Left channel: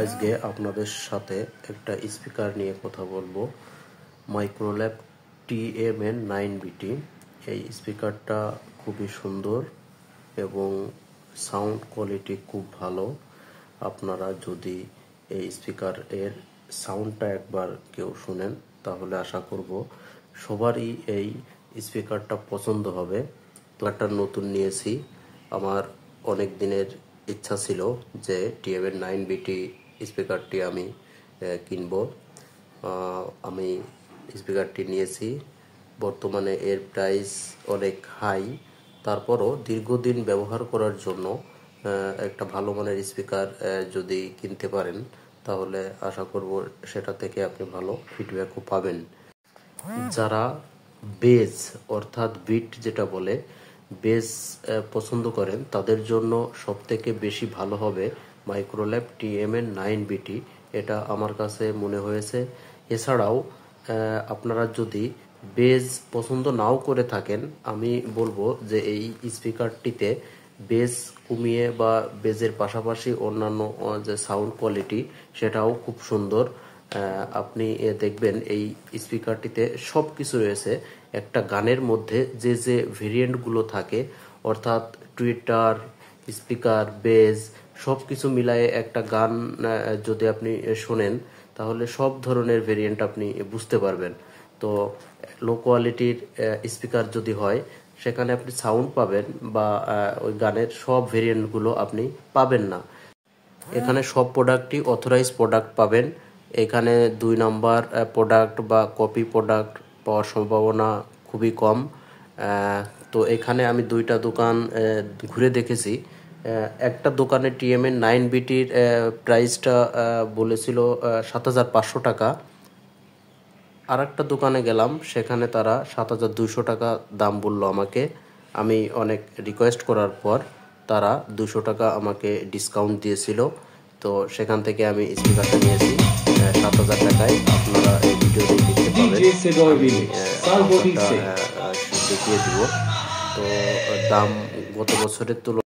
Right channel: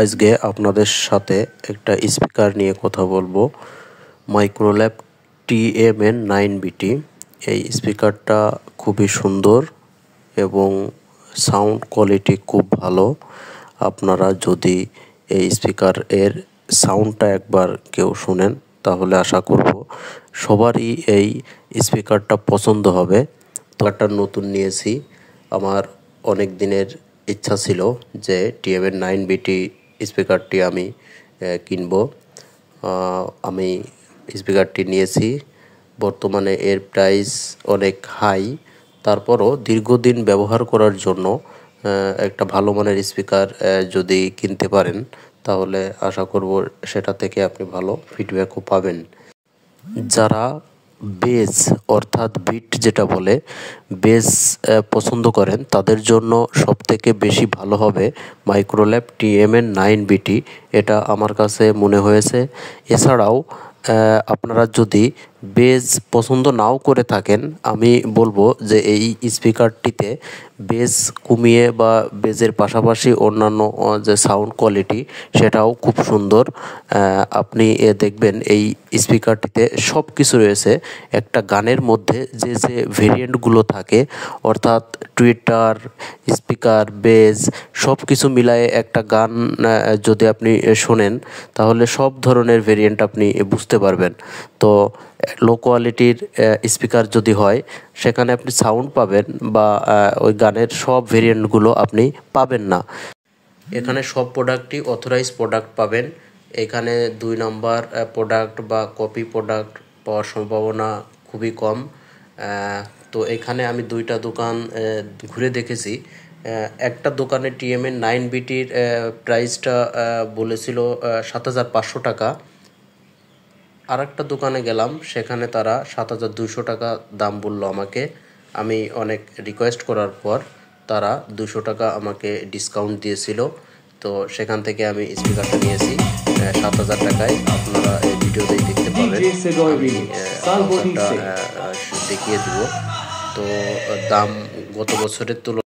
আজকে আপনাদের সাথে একটা স্পিকার নিয়ে কথা বলবো। Microlab TMN9BT। এই স্পিকারটা খুবই সুন্দর এবং সাউন্ড কোয়ালিটি খুব ভালো। আপনারা যদি এই স্পিকার এর সাউন্ডটা একবার কেউ শোনেন তাহলে আশা করব সবারই এই স্পিকারটা পছন্দ হবে। স্পিকারটা নতুন নিয়েছি, আমার অনেক দিনের ইচ্ছা ছিল যে TMN9BT স্পিকারটি আমি কিনব। আমি স্পিকারটি নিয়েছি, বর্তমানে এর প্রাইস অনেক হাই, তারপরও দীর্ঘদিন ব্যবহার করার জন্য একটা ভালো মানের স্পিকার যদি কিনতে পারেন তাহলে আশা করব সেটা থেকে আপনি ভালো ফিডব্যাকও পাবেন। যারা বেস অর্থাৎ বিট যেটা বলে বেস পছন্দ করেন তাদের জন্য সবথেকে বেশি ভালো হবে মাইক্রোল্যাব TMN9BT। এটা আমার কাছে মনে হয়েছে। এছাড়াও আপনারা যদি বেস পছন্দ নাও করে থাকেন, আমি বলবো যে এই স্পিকারটিতে বেস কমিয়ে বা বেজের পাশাপাশি অন্যান্য যে সাউন্ড কোয়ালিটি সেটাও খুব সুন্দর। আপনি দেখবেন এই স্পিকারটিতে সব কিছু রয়েছে। একটা গানের মধ্যে যে যে ভেরিয়েন্টগুলো থাকে অর্থাৎ টুইটার, স্পিকার, বেজ সব কিছু মিলায়ে একটা গান যদি আপনি শোনেন তাহলে সব ধরনের ভেরিয়েন্ট আপনি বুঝতে পারবেন। তো লো কোয়ালিটির স্পিকার যদি হয় সেখানে আপনি সাউন্ড পাবেন বা ওই গানের সব ভেরিয়েন্টগুলো আপনি পাবেন না। এখানে সব প্রোডাক্টই অথরাইজ প্রোডাক্ট পাবেন। এখানে 2 নম্বর প্রোডাক্ট বা কপি প্রোডাক্ট পাওয়ার সম্ভাবনা খুবই কম। তো এখানে আমি 2টা দোকান ঘুরে দেখেছি। একটা দোকানে TMN9BTর প্রাইসটা বলেছিল 7,500 টাকা। আর একটা দোকানে গেলাম, সেখানে তারা 7,200 টাকা দাম বললো আমাকে। আমি অনেক রিকোয়েস্ট করার পর তারা 200 টাকা আমাকে ডিসকাউন্ট দিয়েছিল। তো সেখান থেকে আমি স্পিকারটা নিয়েছি 7,000 টাকায়। আপনারা এই ভিডিওতে দেখতে পাবেন, আমি অফারটা দেখিয়ে দিব। তো দাম গত বছরের তুলনায়